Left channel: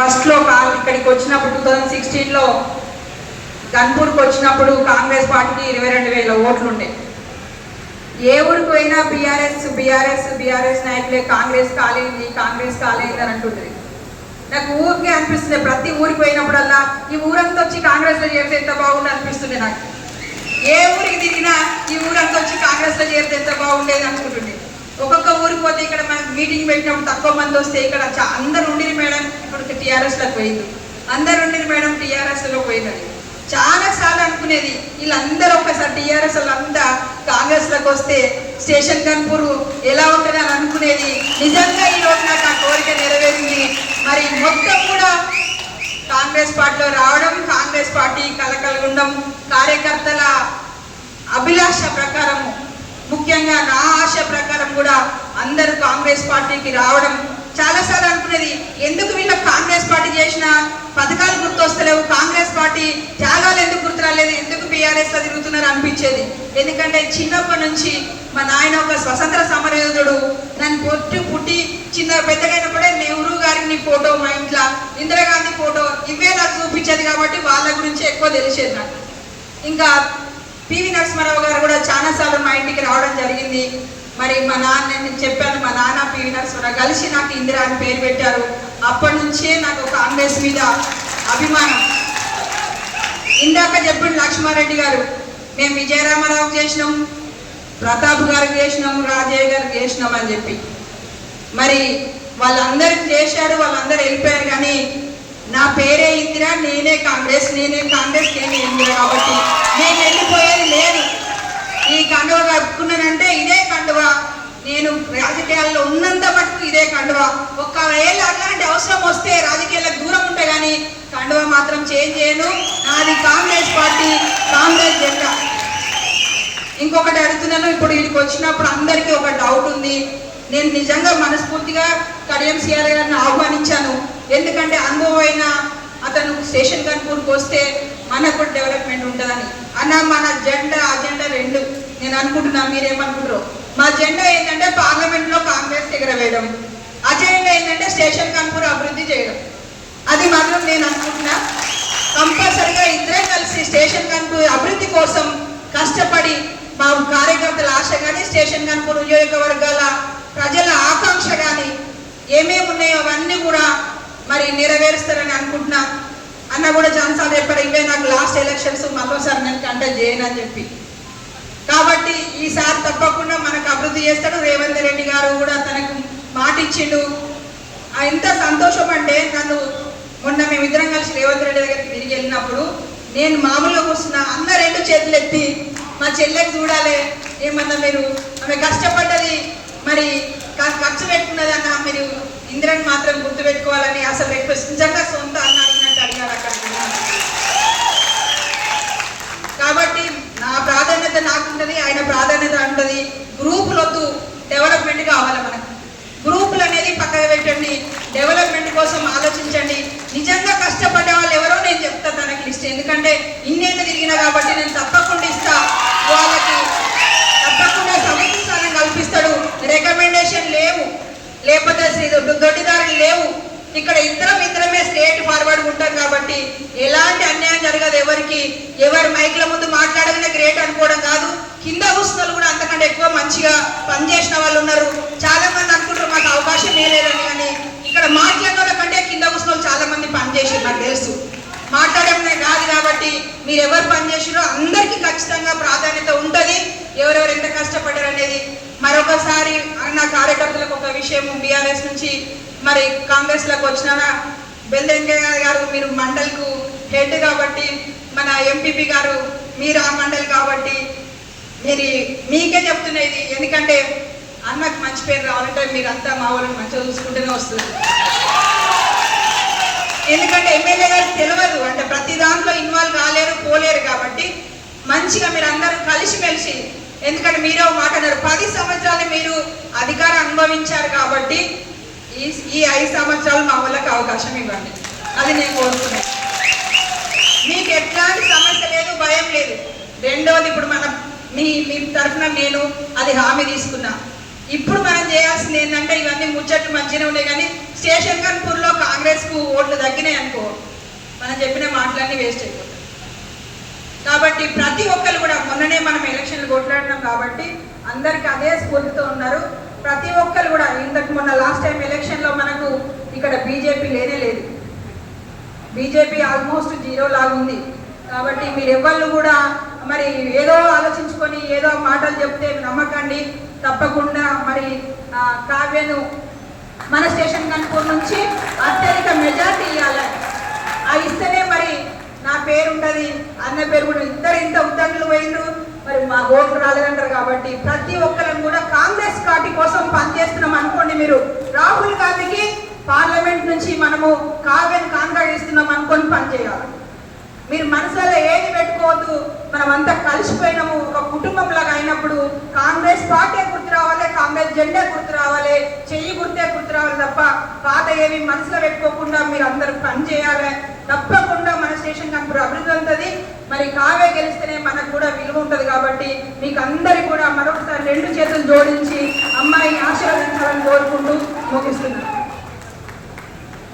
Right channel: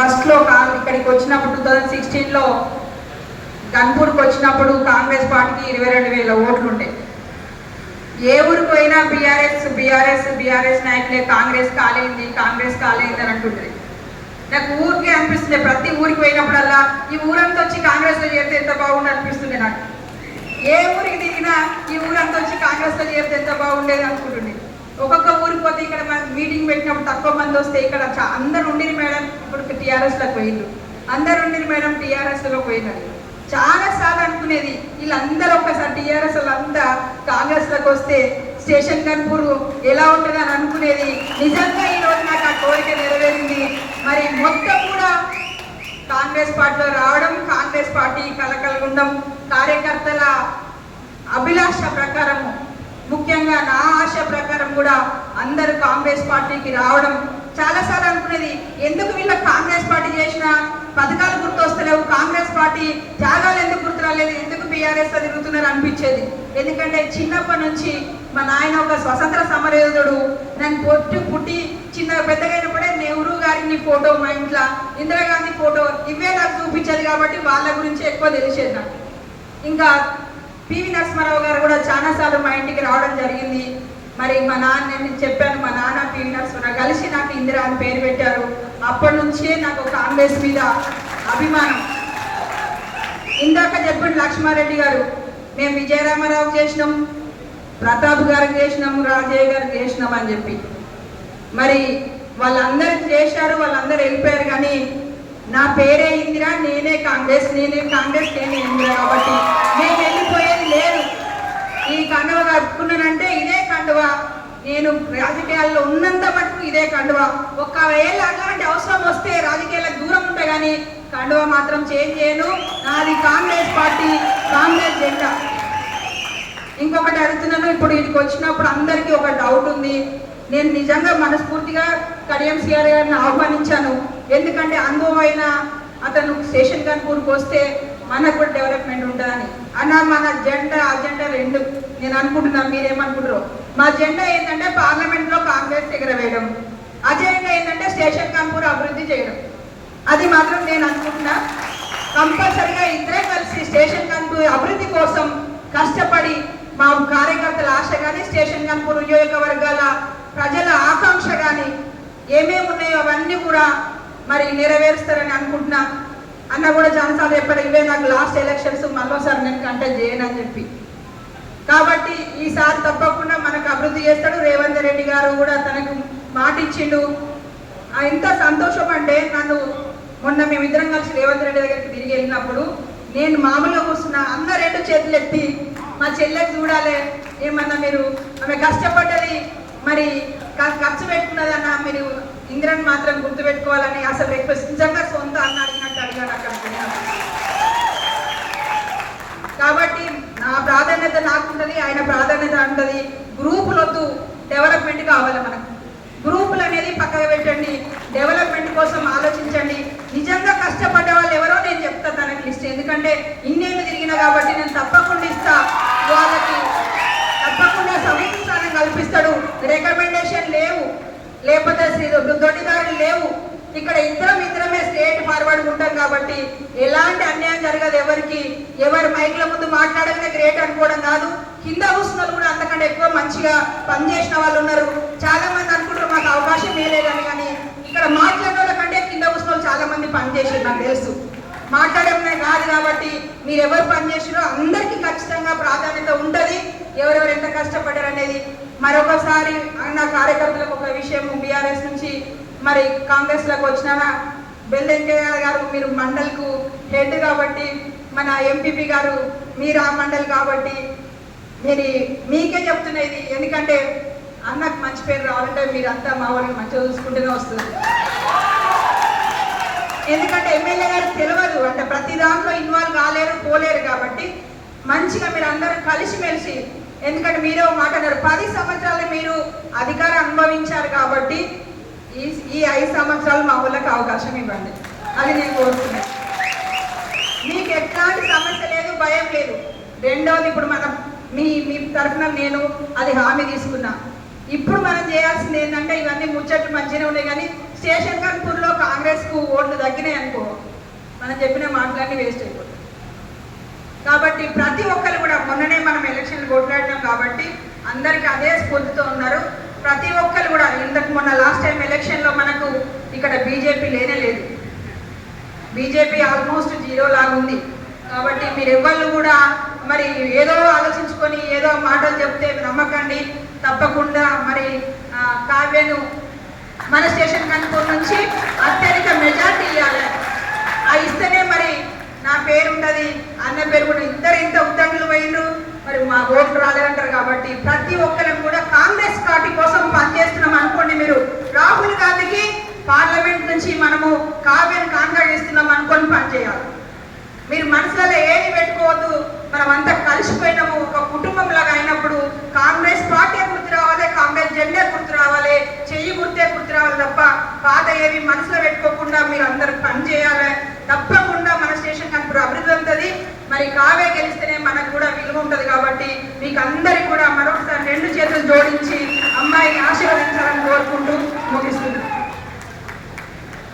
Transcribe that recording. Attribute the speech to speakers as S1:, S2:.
S1: ఫస్ట్లో కా ఇక్కడికి వచ్చినప్పుడు టూ థౌజండ్ సిక్స్టీన్లో గన్పూర్కి వచ్చినప్పుడు కాంగ్రెస్ పార్టీకి ఇరవై రెండు వేల ఓట్లుండే. ఏ ఊరికి పోయినా బీఆర్ఎస్ బీఆర్ఎస్ బీఆర్ఎస్ నాయకులే కాంగ్రెస్ కాలేంది కాంగ్రెస్ కాలేంది అని అంటుంటుంది నాకు ఊరికే అనిపిస్తుంది ప్రతి ఊరికి పోయినప్పుడల్లా ఈ ఊరంతా వచ్చి కాంగ్రెస్లో చేరితే ఎంత బాగుండు అనిపిస్తుంది నాకు. ఏ ఊరికి తిరిగినా ఈ ఊరంతా వచ్చి కాంగ్రెస్లో చేరితే ఎంత బాగుండేది అనుకుంటుంది ఒక్కొక్క ఊరికి పోతే ఇక్కడ మనం మీటింగ్ పెట్టినప్పుడు తక్కువ మంది వస్తే ఇక్కడ అందరు ఉండిరు మేడం. ఇప్పుడు టీఆర్ఎస్లో పోయింది. అందరు ఉండిరు మేడం టీఆర్ఎస్లో పోయినది. చాలా సార్లు అనుకునేది వీళ్ళందరూ ఒక్కసారి టీఆర్ఎస్ అంతా కాంగ్రెస్లోకి వస్తే స్టేషన్ కన్పూర్ ఎలా ఉంటుంది అని అనుకునేది. నిజంగా ఈ నాకు ఆ కోరిక నెరవేరింది. మరి మొత్తం కూడా కాంగ్రెస్ పార్టీలో రావడం కాంగ్రెస్ పార్టీ కలకలు ఉండడం కార్యకర్తల అభిలాష ప్రకారము. ముఖ్యంగా నా ఆశ ప్రకారం కూడా అందరూ కాంగ్రెస్ పార్టీకి రావడం చాలాసార్లు అనుకునేది ఎందుకు వీళ్ళకి కాంగ్రెస్ పార్టీ చేసిన పథకాలు గుర్తొస్తలేవు కాంగ్రెస్ పార్టీ త్యాగాలు ఎందుకు గుర్తురాలేదు ఎందుకు బీఆర్ఎస్లో తిరుగుతున్నారు అనిపించేది. ఎందుకంటే చిన్నప్పటి నుంచి మా నాయన ఒక స్వతంత్ర సమరయోధుడు నన్ను పొట్టి పుట్టి చిన్న పెద్దగైనప్పుడే నెహ్రూ గారికి నీ ఫోటో మా ఇంట్లో ఇందిరాగాంధీ ఫోటో ఇవే నాకు చూపించేది కాబట్టి వాళ్ళ గురించి ఎక్కువ తెలిసేది నాకు. ఇంకా పివి నరసింహారావు గారు కూడా చాలా సార్లు మా ఇంటికి రావడం జరిగింది. మరి మా నాన్న నేను చెప్పాను మా నాన్న పివి కలిసి నాకు ఇందిరా అని పేరు పెట్టారు. అప్పటి నుంచే నాకు కాంగ్రెస్ మీద అభిమానం. ఇందాక చెప్పిన లక్ష్మారెడ్డి గారు మేము విజయరామారావు చేసినాం ప్రతాప్ గారికి చేసినాం రాజయ్య గారికి చేసినాం అని చెప్పి. మరి వాళ్ళందరికి చేశాడు వాళ్ళందరూ వెళ్ళిపోయారు కానీ నా పేరే ఇందిరా నేనే కాంగ్రెస్ నేనే కాంగ్రెస్ నేనే ఇందిరా కాబట్టి నేను వెళ్ళిపోయాను ఈ కండువ కప్పుకున్నానంటే ఇదే కండువ. నేను రాజకీయాల్లో ఉన్నంత మటుకు ఇదే కండువ. ఒక్కవేళ అలాంటి అవసరం వస్తే రాజకీయాలకు దూరం ఉంటే కానీ కండువ మాత్రం చేంజ్ చేయను. నాది కాంగ్రెస్ పార్టీ కాంగ్రెస్ జెండా. ఇంకొకటి అడుగుతున్నాను. ఇప్పుడు వీడికి వచ్చినప్పుడు అందరికీ ఒక డౌట్ ఉంది. నేను నిజంగా మనస్ఫూర్తిగా కడియం సిఆర్ గారిని ఆహ్వానించాను. ఎందుకంటే అనుభవమైన అతను స్టేషన్ కనుకూరుకు వస్తే మనకు కూడా డెవలప్మెంట్ ఉంటుందని. అన్న మన జెండా అజెండా రెండు. నేను అనుకుంటున్నా మీరేమనుకుంటారు మా జెండా ఏంటంటే పార్లమెంట్లో కాంగ్రెస్ ఎగరవేయడం. అజెండా ఏంటంటే స్టేషన్ కాన్పూర్ అభివృద్ధి చేయడం. అది మాత్రం నేను అనుకుంటున్నా. కంపల్సరిగా ఇద్దరే కలిసి స్టేషన్ కాన్పూర్ అభివృద్ధి కోసం కష్టపడి మా కార్యకర్తల ఆశ కానీ స్టేషన్ కాన్పూర్ నియోజకవర్గాల ప్రజల ఆకాంక్ష కానీ ఏమేమి ఉన్నాయో అవన్నీ కూడా మరి నెరవేరుస్తారని అనుకుంటున్నా. అన్న కూడా ఛాన్స్ చెప్పాడు ఇవే నాకు లాస్ట్ ఎలక్షన్స్ మరోసారి నేను కంటెక్ట్ చేయను అని చెప్పి. కాబట్టి ఈసారి తప్పకుండా మనకు అభివృద్ధి చేస్తాడు. రేవంత్ రెడ్డి గారు కూడా తనకు మాటిచ్చిండు. ఎంత సంతోషం అంటే నన్ను మొన్న మేమిద్దరం కలిసి రేవంత్ రెడ్డి దగ్గరికి తిరిగి వెళ్ళినప్పుడు నేను మామూలుగా కూర్చున్నా అన్న రెండు చేతులు ఎత్తి మా చెల్లెకి చూడాలి. ఏమన్నా మీరు ఆమె కష్టపడ్డది మరి ఖర్చు పెట్టుకున్నది అన్న మీరు ఇంద్రని మాత్రం గుర్తు పెట్టుకోవాలని అసలు రేపు నిజంగా సొంత అన్నారు అడిగినట్టు అడిగాడు అక్కడ కాబట్టి నా ప్రాధాన్యత నాకుంటది ఆయన ప్రాధాన్యత గ్రూపులు వద్దు డెవలప్మెంట్ కావాలి మనకు. గ్రూపులు అనేది పక్కన పెట్టండి. డెవలప్మెంట్ కోసం ఆలోచించండి. నిజంగా కష్టపడ్డ వాళ్ళు ఎవరో నేను చెప్తా తనకి లిస్ట్. ఎందుకంటే ఇన్నేళ్ళు తిరిగిన కాబట్టి నేను తప్పకుండా ఇస్తా. వాళ్ళకి తప్పకుండా సమీక్ష కల్పిస్తాడు. రికమెండేషన్ లేవు. లేకపోతే శ్రీ- దొడ్డిదారులు లేవు. ఇక్కడ ఇద్దరం ఇద్దరమే స్టేట్ ఫార్వర్డ్ ఉంటాం కాబట్టి ఎలాంటి అన్యాయం జరగదు ఎవరికి. ఎవరు మైక్ల ముందు మాట్లాడగానే గ్రేట్ అనుకోవడం కాదు. కింద కూర్చున్న కూడా అంతకంటే ఎక్కువ మంచిగా పనిచేసిన వాళ్ళు ఉన్నారు. చాలా మంది అనుకుంటారు మాకు అవకాశం లేదని కానీ ఇక్కడ మాట్లాడిన కంటే కింద కూర్చున్న చాలా మంది పనిచేసారు నాకు తెలుసు. మాట్లాడమే కాదు కాబట్టి మీరు ఎవరు పనిచేసినో అందరికీ ఖచ్చితంగా ప్రాధాన్యత ఉంటుంది. ఎవరెవరు ఎంత కష్టపడ్డారు అనేది మరొకసారి నా కార్యకర్తలకు ఒక విషయం బీఆర్ఎస్ నుంచి మరి కాంగ్రెస్లోకి వచ్చిన బెల్లెంకయ్య గారు మీరు మండలికు హెడ్ కాబట్టి మన ఎంపీపీ గారు మీరు ఆ మండలి కాబట్టి మీరు మీకే చెప్తున్నా ఇది. ఎందుకంటే అన్నకు మంచి పేరు రావాలంటే మీరంతా మా వాళ్ళని మంచిగా చూసుకుంటూనే వస్తుంది. ఎందుకంటే ఎమ్మెల్యే గారు తెలియదు. అంటే ప్రతి దాంట్లో ఇన్వాల్వ్ కాలేరు పోలేరు కాబట్టి మంచిగా మీరు అందరూ కలిసిమెలిసి ఎందుకంటే మీరు మాట్లాడారు మాట అన్నారు. పది సంవత్సరాలు మీరు అధికారం అనుభవించారు ఈ ఈ ఐదు సంవత్సరాలు మా ఊళ్ళకి అవకాశం ఇవ్వండి. అది నేను కోరుతున్నాను. మీకు ఎట్లాంటి సమస్య లేదు భయం లేదు. రెండవది ఇప్పుడు మనం మీ మీ తరఫున నేను అది హామీ తీసుకున్నా. ఇప్పుడు మనం చేయాల్సింది ఏంటంటే ఇవన్నీ ముచ్చట్లు మంచిగా ఉన్నాయి కానీ స్టేషన్ కన్పూర్లో కాంగ్రెస్కు ఓట్లు తగ్గినాయి అనుకో మనం చెప్పిన మాటలన్నీ వేస్ట్ అయిపోతాయి. కాబట్టి ప్రతి ఒక్కరు కూడా మొన్ననే మనం ఎలక్షన్లు కొట్లాడినాం కాబట్టి అందరికీ అదే స్ఫూర్తితో ఉన్నారు. ప్రతి ఒక్కరు కూడా ఇంతకు మొన్న లాస్ట్ టైం ఎలక్షన్లో మనకు ఇక్కడ బీజేపీ లేనే లేదు. బీజేపీ ఆల్మోస్ట్ జీరో లాగా ఉంది. కాబట్టి మీరు ఎవరు కూడా మరి ఏదో ఆలోచించుకొని ఏదో మాటలు చెప్తే నమ్మకండి. తప్పకుండా మరి ఆ, కావ్యను మన స్టేషన్ కనుపూర్ నుంచి అత్యధిక మెజార్టీ ఇవ్వాలి. ఆ ఇస్తేనే మరి నా పేరు ఉంటుంది అన్న పేరు కూడా ఇద్దరు ఇంత ఉద్దండులు పోయినరు మరి మా ఓట్లు రాలేదంటారు కాబట్టి ప్రతి ఒక్కరం కూడా కాంగ్రెస్ పార్టీ కోసం పనిచేస్తున్నాం అనుకోండి మీరు రాహుల్ గాంధీకి పార్లమెంట్ నుంచి మనము కావ్యను కాంట్రాక్ట్ ఇస్తున్నాం అనుకొని పనిచేయాలి మీరు మనసులో ఏది పెట్టుకోవద్దు మనం అంతా కలిసిపోయినాము ఒక కుటుంబం లాగా అయినప్పుడు కాంగ్రెస్ పార్టీ గుర్తు రావాలి కాంగ్రెస్ జెండా గుర్తు రావాలి చెయ్యి గుర్తే గుర్తు రావాలి బాధ పాత మనసులో పెట్టుకోకుండా మీరు అందరూ పని చేయాలి. తప్పకుండా మన స్టేషన్ కంపెనీ అభివృద్ధి ఉంటుంది. మరి కావే గెలిస్తేనే మనకు కూడా విలువ ఉంటుంది కాబట్టి మీకు అందరికి కూడా మరొకసారి రెండు చేతులు జోడించి